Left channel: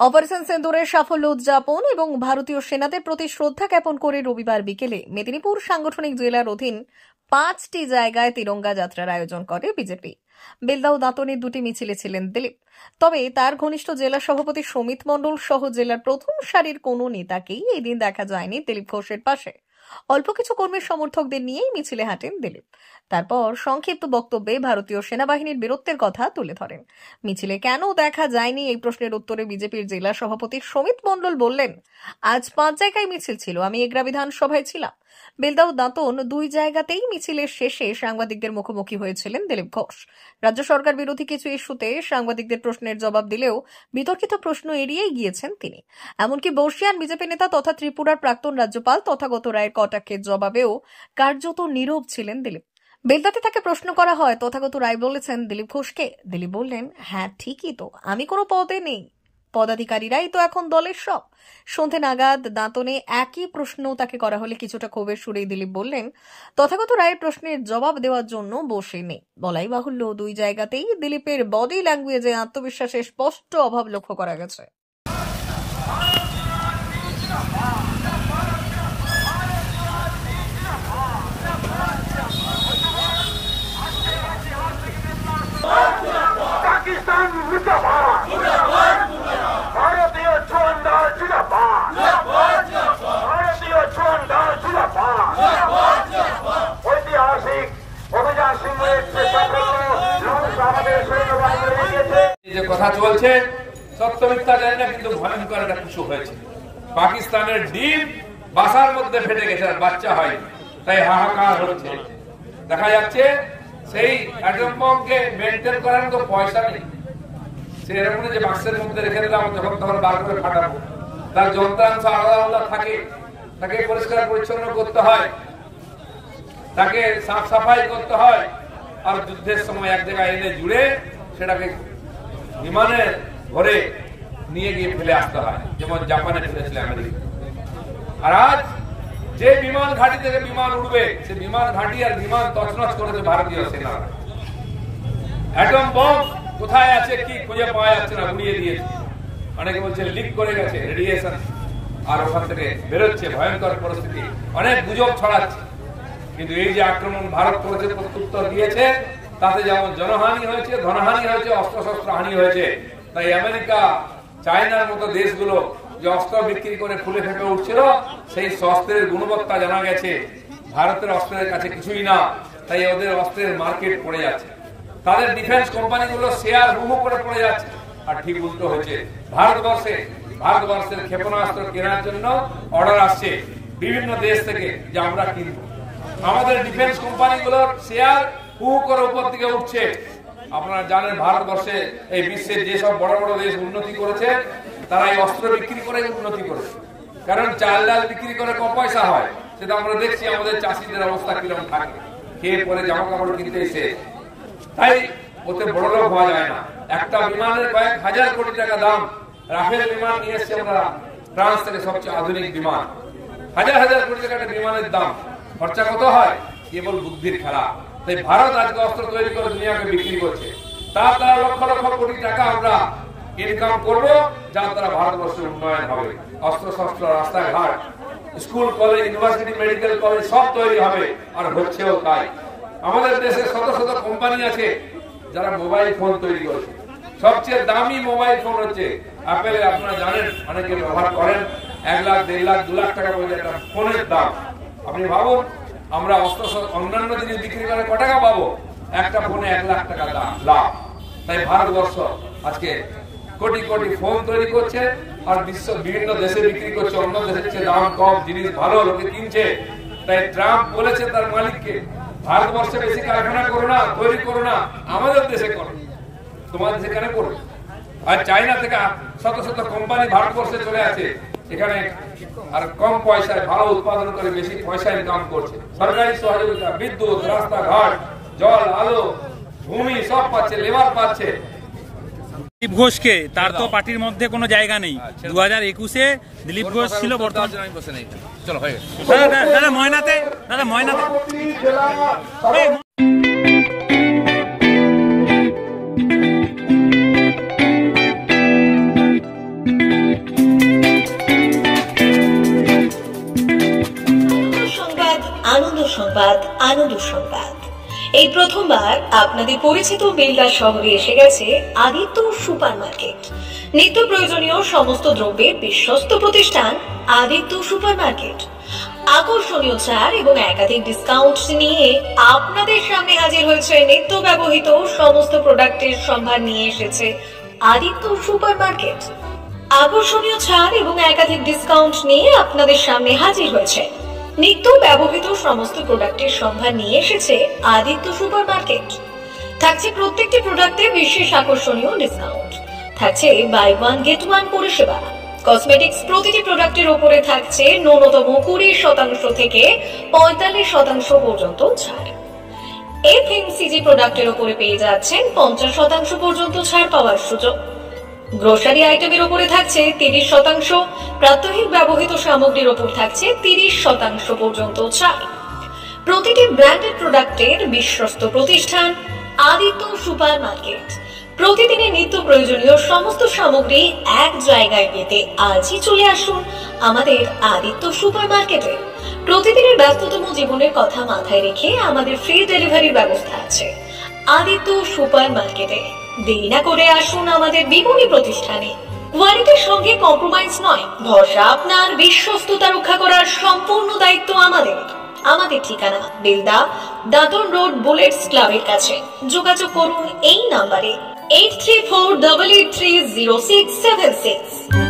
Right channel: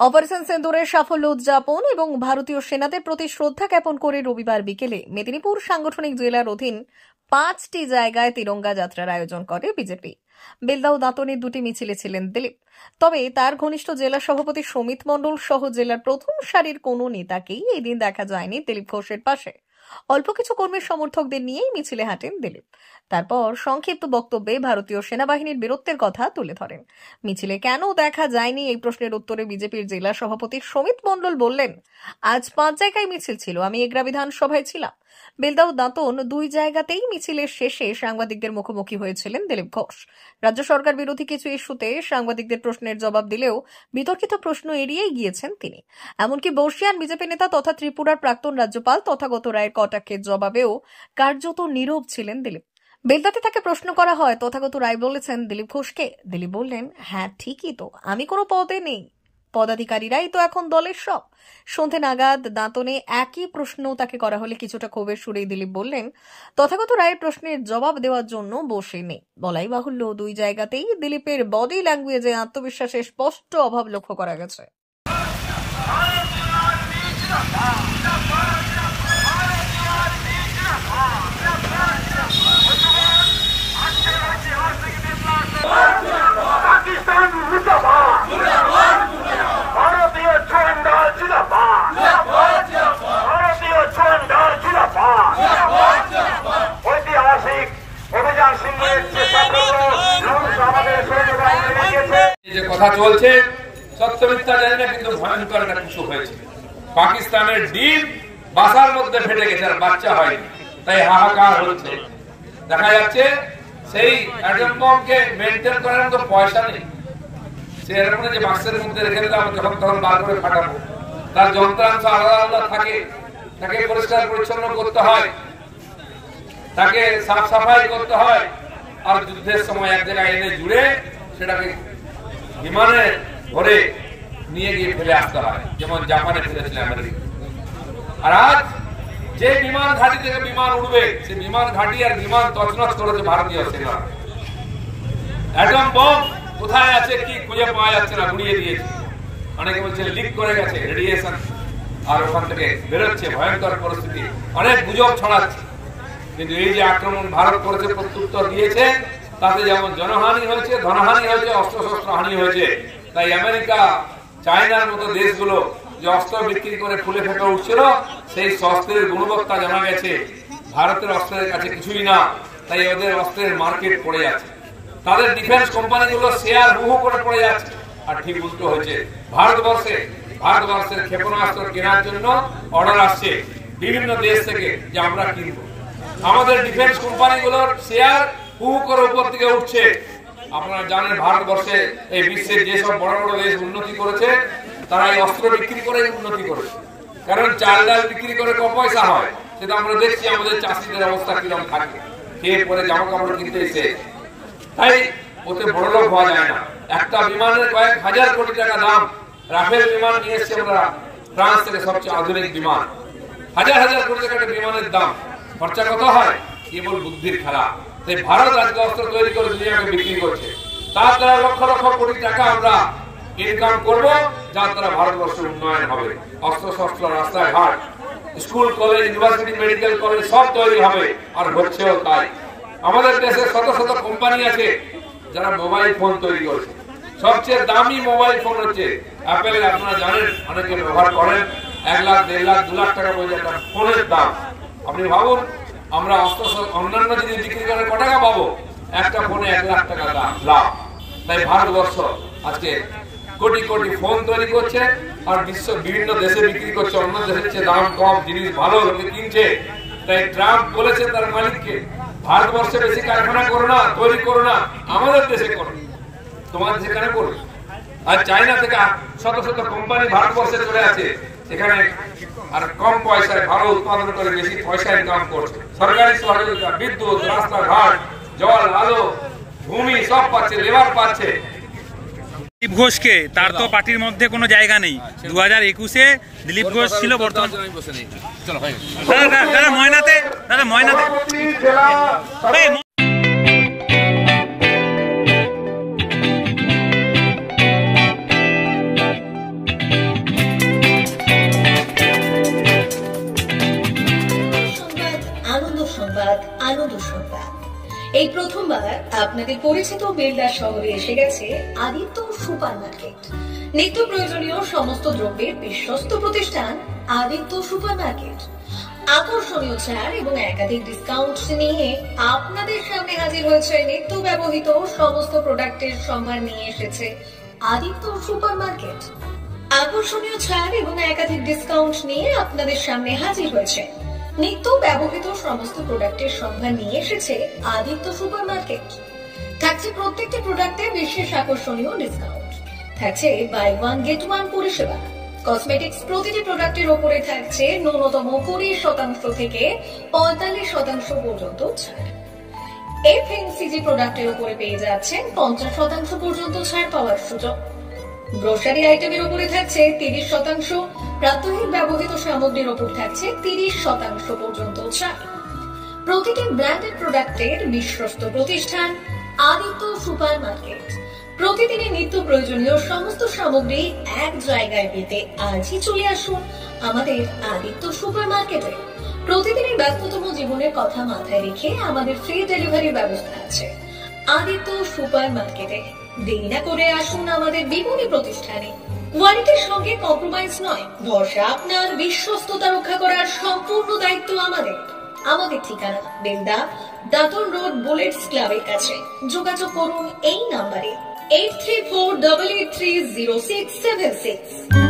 Operation সিন্দুরের সাফল্য উদযাপন এবং ভারতীয় সেনাদের প্রতি শ্রদ্ধা জ্ঞাপন করে রবিবার বিকেলে মেদিনীপুর সাংগঠনিক জেলার অধীন 5টি জায়গায় তিরঙ্গা যাত্রার আয়োজন করে বিজেপি। বেলদা ও দাঁতনের দুটি মিছিলে ছিলেন দিলীপ। তবে তার ঘনিষ্ঠ জেলা সভাপতি সমিত মণ্ডল সহ জেলার প্রথম সারির কোনো নেতাকেই এই দিন দেখা যায়নি দিলীপ ঘোষের পাশে। অল্প কিছু কর্মীর সমর্থকদের নিয়েই মিছিলে হাঁটেন দিলীপ। তারপর সংক্ষিপ্ত বক্তব্যে ভারতীয় সেনাবাহিনীর বীরত্বের কথা তুলে ধরেন। মিছিলে কেন দেখা যায়নি এই প্রশ্নের উত্তরে বিজেপির জেলা সভাপতি সমিত মণ্ডল বললেন, আজ 5 জায়গায় মিছিল ছিল, আমি এগরা বিধানসভায় ছিলাম। বেলদা ও দাঁতন দুই জায়গাতেই মিছিলের শেষে সাংবাদিকদের মুখোমুখি হয়েছিলেন দিলীপ ঘোষ। রাজ্য সরকার বিরোধী কিছু ইস্যুতে সাংবাদিকদের প্রশ্নের জবাব দিলেও বিতর্কিত প্রশ্ন এড়িয়েই গিয়েছেন তিনি। এমনকি বর্ষিয়ান বিজেপি নেতা তথা ত্রিপুরার প্রাক্তন রাজ্যপাল তথাগত রায়ের কটাক্ষের জবাবেও কার্যত নীরব ছিলেন দিলীপ। বেলদাতে তাকে প্রশ্ন করা হয়, তথাগত রায় বলেছেন দিলীপ ঘোষকে। দিলীপ বললেন, হ্যাঁ ঠিকই তো, আমি কোনো পদে নেই, পদাধিকারীরাই তো এখন দলের সব। সন্ধে নাগাদ দাঁতনে একই প্রশ্ন তাকে করা হলে কিছুটা ক্ষোভের সুরেই দিলীপ বললেন, তথাগত রায়ের প্রশ্নের জবাব দেওয়ার জন্য বসে নেই। বলাই বাহুল্য, দুই জায়গাতেই দিলীপের বডি ল্যাঙ্গুয়েজে আত্মবিশ্বাসের স্পষ্ট অভাব লক্ষ্য করা গেছে। पाकिस्तान मुर्दाबाद, भारतीय झंडा जिंदाबाद, भारतीय झंडा जिंदाबाद। ঐতিহাসিক অভিযান সিংহের চেষ্টা করলো আমাদের সৈন্যবাহিনী লেগেছে। যে কথা চলছে সত্য মিথ্যা জানি না, কিন্তু ভয়ঙ্কর একটা কিছু হয়েছে। পাকিস্তানের ডিম বাসার মধ্যে ফেটে গেছে, আর বাচ্চা হয়নি, তাই হাহাকার হচ্ছে। দেখা যাচ্ছে সেই অ্যাটম বমকে মেনটেন করার মতো পয়সা নেই। সে এরকম যে বাক্সের মধ্যে রেখে দিলাম, যখন তখন বার করে ফাটাবো। তার যন্ত্রাংশ আলাদা আলাদা থাকে, তাকে পরিষ্কার পরিচ্ছন্ন করতে হয়, তাকে সাফ সাফাই করতে হয়, আর যুদ্ধের সময় এক জায়গায় এনে জুড়ে সেটাকে বিমানে ভরে নিয়ে গিয়ে ফেলে আসতে হয়, যেমন জাপানে ফেলেছিল আমেরিকা। আর আজ যে বিমান ঘাঁটি থেকে বিমান উঠবে, সে বিমান ঘাঁটি আর বিমান তছনছ করেছে ভারতীয় সেনা। অ্যাটম বম কোথায় আছে কি খুঁজে পাওয়া যাচ্ছে না, উড়িয়ে দিয়েছে। অনেকে বলছে লিক করে গেছে, রেডিয়েশন আর ওখান থেকে বেরোচ্ছে, ভয়ঙ্কর পরিস্থিতি, অনেক গুজব ছড়াচ্ছে। কিন্তু এই যে আক্রমণ ভারত করেছে, প্রত্যুত্তর দিয়েছে, তাতে যেমন জনহানি হয়েছে, ধনহানি হয়েছে, অস্ত্রশস্ত্র হানি হয়েছে। তাই আমেরিকা, চায়নার মতো দেশগুলো যে অস্ত্র বিক্রি করে ফুলে ফেপে উঠছিল, সেই অস্ত্রের গুণবত্তা জানা গেছে ভারতের অস্ত্রের কাছে কিছুই না। তাই ওদের অস্ত্রের মার্কেট পড়ে যাচ্ছে, তাদের ডিফেন্স কোম্পানিগুলো শেয়ার হুহু করে পড়ে যাচ্ছে। আর ঠিক উল্টো হয়েছে, ভারতবর্ষের ক্ষেপণাস্ত্র কেনার জন্য অর্ডার আসছে বিভিন্ন দেশ থেকে যে আমরা কিনবো। আমাদের ডিফেন্স কোম্পানিগুলোর শেয়ার হুহু করে উপর থেকে উঠছে। আপনারা জানেন ভারতবর্ষে এই বিশ্বের যেসব বড় বড় দেশ উন্নতি করেছে, তারা এই অস্ত্র বিক্রি করে উন্নতি করেছে। কারণ চাল ডাল বিক্রি করে কম পয়সা হয়, সেটা আমরা দেখছি আমাদের চাষিদের অবস্থা কিরকম থাকে, খেয়ে পরে জামা কাপড় কিনতে এসে। তাই ওতে বড় লোক হওয়া যায় না। একটা বিমানের কয়েক হাজার কোটি টাকা দাম। রাফেল বিমান নিয়ে এসছে আমরা ফ্রান্স থেকে, সবচেয়ে আধুনিক বিমান। হাজার হাজার কোটি টাকা বিমানের দাম। খরচা কত হয়? কেবল বুদ্ধির খেলা। তাই ভারত আজকে অস্ত্র তৈরি করে দুনিয়াকে বিক্রি করছে। তার দ্বারা লক্ষ লক্ষ কোটি টাকা আমরা ইনকাম করবো, যার দ্বারা ভারতবর্ষের উন্নয়ন হবে। অস্ত্র শস্ত্র, রাস্তায় ঘাট, school college, university, medical college সব তৈরি হবে, আর হচ্ছেও তাই। আমাদের দেশে শত শত কোম্পানি আছে যারা মোবাইল ফোন তৈরি করছে। সবচেয়ে দামি মোবাইল ফোন হচ্ছে অ্যাপেল। আপনারা জানেন, অনেকে ব্যবহার করেন। 1 লাখ, 1.5 লাখ, 2 লাখ টাকা পর্যন্ত একটা ফোনের দাম। আপনি ভাবুন, আমরা অন্যান্য জিনিস বিক্রি করে ক টাকা পাবো? একটা ফোনে 1 লাখ টাকা দাম লাভ। তাই ভারতবর্ষ আজকে কোটি কোটি ফোন তৈরি করছে, আর বিশ্ব বিভিন্ন দেশে বিক্রি করছে। অন্য দেশের চেয়ে দাম কম, জিনিস ভালো, লোকে কিনছে। তাই ট্রাম্প বলেছে তার মালিককে, ভারতবর্ষে বেশি কারখানা করো না, তৈরি করো না, আমাদের দেশে করো। তোমাদের সেখানে করো। আর চায়না থেকে শত শত কোম্পানি ভারতবর্ষে চলে আছে, এখানে আর কম পয়সায় ভালো উৎপাদন করে বেশি পয়সা ইনকাম করছে। সরকারি সহযোগিতা, বিদ্যুৎ, রাস্তাঘাট, জল, আলো, ভূমি সব পাচ্ছে, লেবার পাচ্ছে। দিলীপ ঘোষকে, তার তো পার্টির মধ্যে কোনো জায়গা নেই। 2021-এ দিলীপ ঘোষ ছিল, বর্তমান দাদা ময়নাতে আনন্দ সংবাদ। এই প্রথমবার আপনাদের পরিচিত বেলদা শহরে এসে গেছে আদিত্য সুপার মার্কেট। নিত্য প্রয়োজনীয় সমস্ত দ্রব্যের বিশ্বস্ত প্রতিষ্ঠান আদিত্য সুপার মার্কেট। আকর্ষণীয় ছাড় এবং একাধিক ডিসকাউন্ট নিয়ে আপনাদের সামনে হাজির হয়েছে। নিত্য ব্যবহৃত সমস্ত প্রোডাক্টের সম্ভার নিয়ে এসেছে আদিত্য সুপার মার্কেট। আকর্ষণীয় ছাড় এবং একাধিক ডিসকাউন্ট নিয়ে আপনাদের সামনে হাজির হয়েছে। নিত্য ব্যবহৃত সমস্ত প্রোডাক্টের সম্ভার নিয়ে এসেছে আদিত্য সুপার মার্কেট। থাকছে প্রত্যেকটি প্রোডাক্টে বিশেষ আকর্ষণীয় ডিসকাউন্ট। থাকছে বাই ওয়ান গেট ওয়ান পরিষেবা। কসমেটিক্স প্রতিটি প্রোডাক্টের উপরে থাকছে ন্যূনতম 20% থেকে 45% পর্যন্ত ছাড়। এফএমসিজি প্রোডাক্টের উপরে পেয়ে যাচ্ছেন 50% পর্যন্ত ছাড় পাওয়ার সুযোগ। গ্রোসারি আইটেমের উপরে থাকছে 30%, প্রাত্যহিক ব্যবহৃত সামগ্রীর উপর থাকছে 30% পর্যন্ত ছাড়। প্রতিটি ব্র্যান্ডেড প্রোডাক্টের বিশ্বস্ত প্রতিষ্ঠান আদিত্য সুপার মার্কেট। প্রতিদিনের নিত্য প্রয়োজনীয় সমস্ত সামগ্রী এক জায়গায় পেতে আজই চলে আসুন আমাদের আদিত্য সুপার মার্কেটে। প্রতিদিনের ব্যস্ততম জীবনের কথা মাথায় রেখে আমাদের ফ্রি ডেলিভারির ব্যবস্থা আছে আদিত্য সুপার মার্কেটে। দেরি না করে আসুন আমাদের বিপণী প্রতিষ্ঠানে। কোয়ালিটির সঙ্গে কম্প্রোমাইজ নয়, ভরসা আপনার, বিশ্বস্ততা রক্ষা করার সম্পূর্ণ দায়িত্ব আমাদের। আমাদের ঠিকানা বেলদা, দাঁতন রোড, বুলেটস ক্লাবের কাছে। যোগাযোগ করুন এই নাম্বারে 8348830676।